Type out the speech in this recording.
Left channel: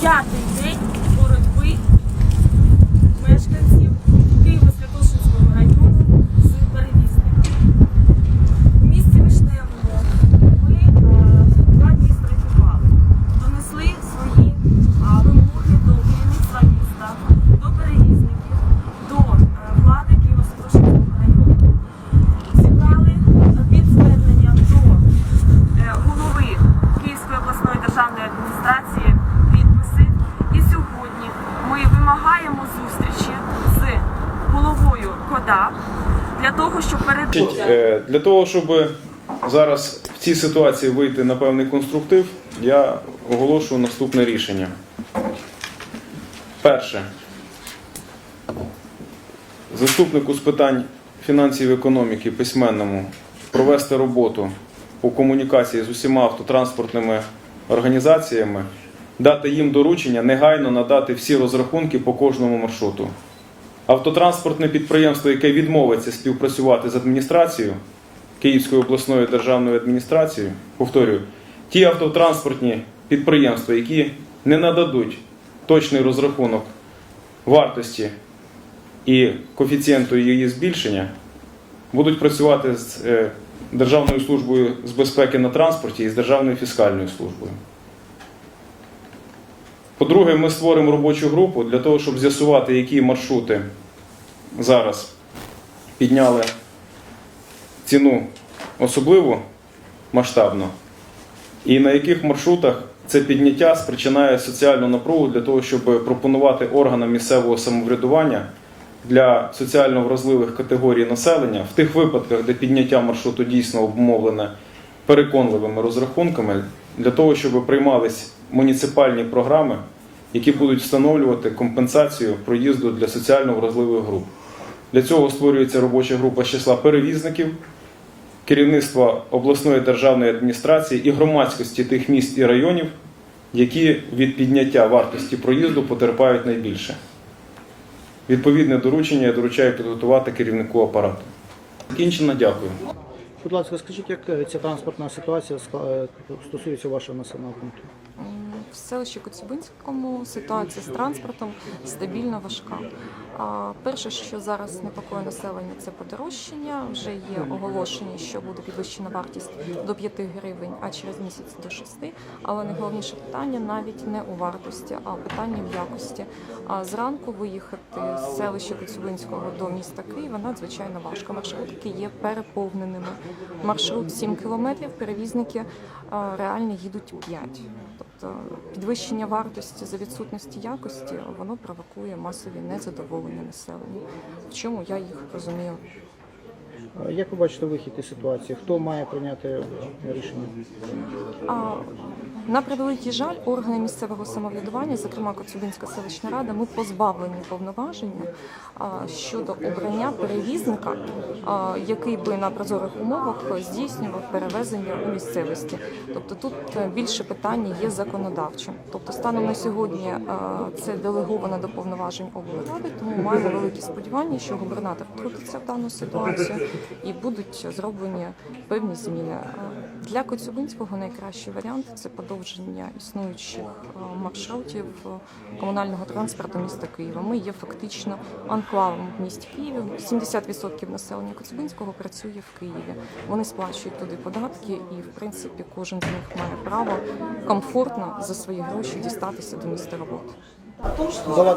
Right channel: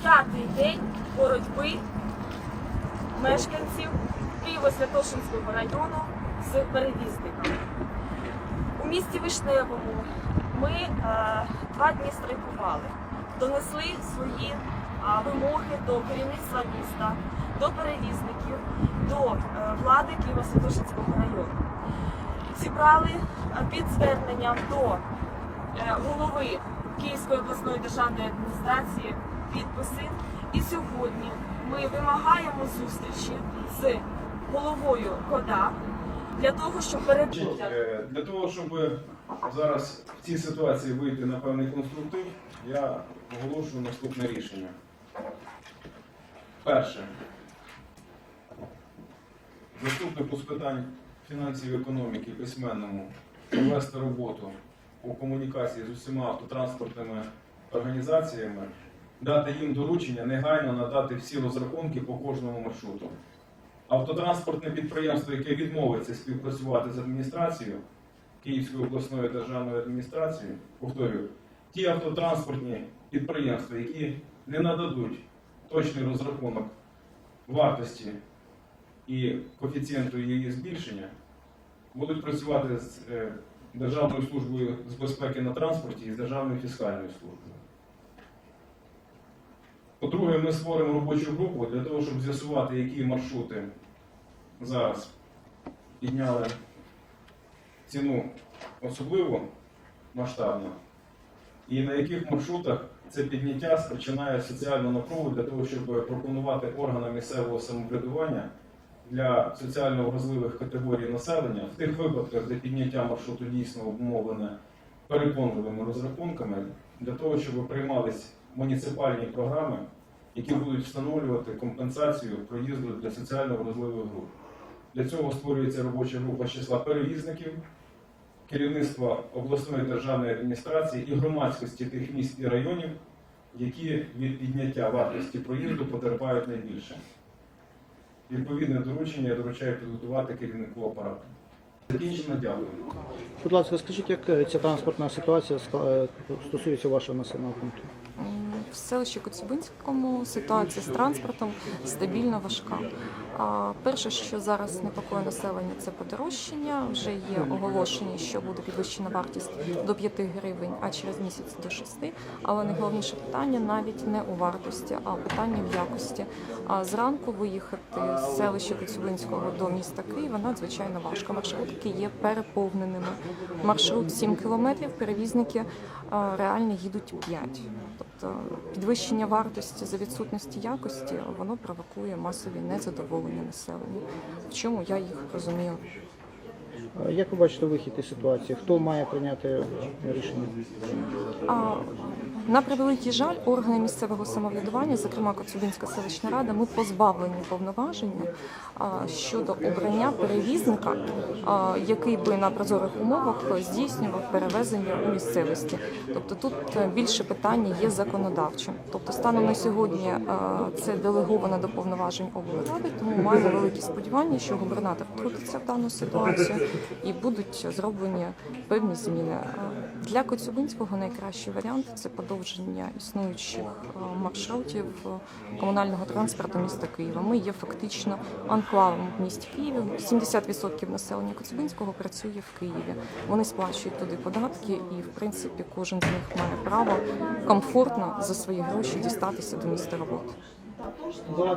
п'ятий день боротьби мешканців Києво-Святошинського району з перевізниками. У місті Вишневому ми е, два дні страйкували, донесли свої е, вимоги до керівництва міста, до перевізників, до е, влади Києво-Святошинського району. Зібрали е, під зверненням до е, голови Київської обласної державної адміністрації підписи. І сьогодні ми вимагаємо зустрічі з головою КОДА для того, щоб перед е, Для того, щоб зараз в цій ситуації вийти на певний конструктив, я оголошую наступне рішення. Перше. Заступнику з питань фінансів і економіки письменному провести роботу по комунікації з усіма автотранспортними організаціями, дати їм доручення негайно надати всі розрахунки по кожному маршруту. Автотранспортне підприємство, яке відмовиться співпрацювати з адміністрацією Київською обласною державною адміністрацією, повторюю, ті автотранспортні підприємства, які не нададуть точний розрахунок вартості і коефіцієнту її збільшення, будуть працювати з е, Державною службою з безпеки на транспорті і з Державною фіскальною службою. По-друге, ми створимо робочу групу для того, щоб з'ясувати, які маршрути зараз підняли ціну особливо масштабно, і на яких маршрутах це підняття спричинає соціальну напругу для того, щоб пропонувати органам місцевого самоврядування для соціально вразливих категорій населення в тих випадках, де підняття маршруту дійсно обумовлене переконливими розрахунками, для того, щоб приймались муніципальні програми, які будуть встановлювати компенсацію проїзду для соціально вразливих груп. Для цього створюється робоча група з числа перевізників, керівництва обласної державної адміністрації і громадськості тих міст і районів, які від підняття вартості проїзду потерпають найбільше. Відповідне доручення я доручаю підготувати керівнику апарату. Закінчено, дякую. Будь ласка, скажіть, як е, ця транспортна ситуація е, стосується вашого населеного пункту? В селищі Коцюбинському ситуація з транспортом стабільно важка. Перше, що зараз непокоє населення, це подорожчання. Вже є оголошення, що буде підвищена вартість до 5 гривень, а через місяць до 6. Але найголовніше питання навіть не у вартості, а питання в якості. А зранку виїхати з селища Коцюбинського до міста Києва надзвичайно важко. Маршрутки є переповненими. Маршрут 7 кілометрів, перевізники реально їдуть 5. Тобто підвищення вартості за відсутності якості воно провокує масові незадоволення населення. В чому я їх розумію? Е, Як ви бачите вихід із ситуації? Хто має прийняти рішення? А на превеликий жаль, органи місцевого самоврядування, зокрема Коцюбинська селищна рада, ми позбавлені повноваження а, щодо обрання перевізника, а, який би на прозорих умовах здійснював перевезення у місцевості. Тобто тут е, більше питання є законодавчим. Тобто, станом на сьогодні а, це делеговано до повноважень облради, тому маємо великі сподівання, що губернатор втрутиться в дану ситуацію і будуть зроблені певні зміни. Для Коцюбинського найкращий варіант це подовження існуючих маршрутів комунального транспорту міста Києва. Ми є фактично анклавом в місті Києві. 70% населення Коцюбинського працює в Києві. Вони сплачують туди податки, і в принципі кожен з них має право комфортно за свої гроші дістатися до місця роботи.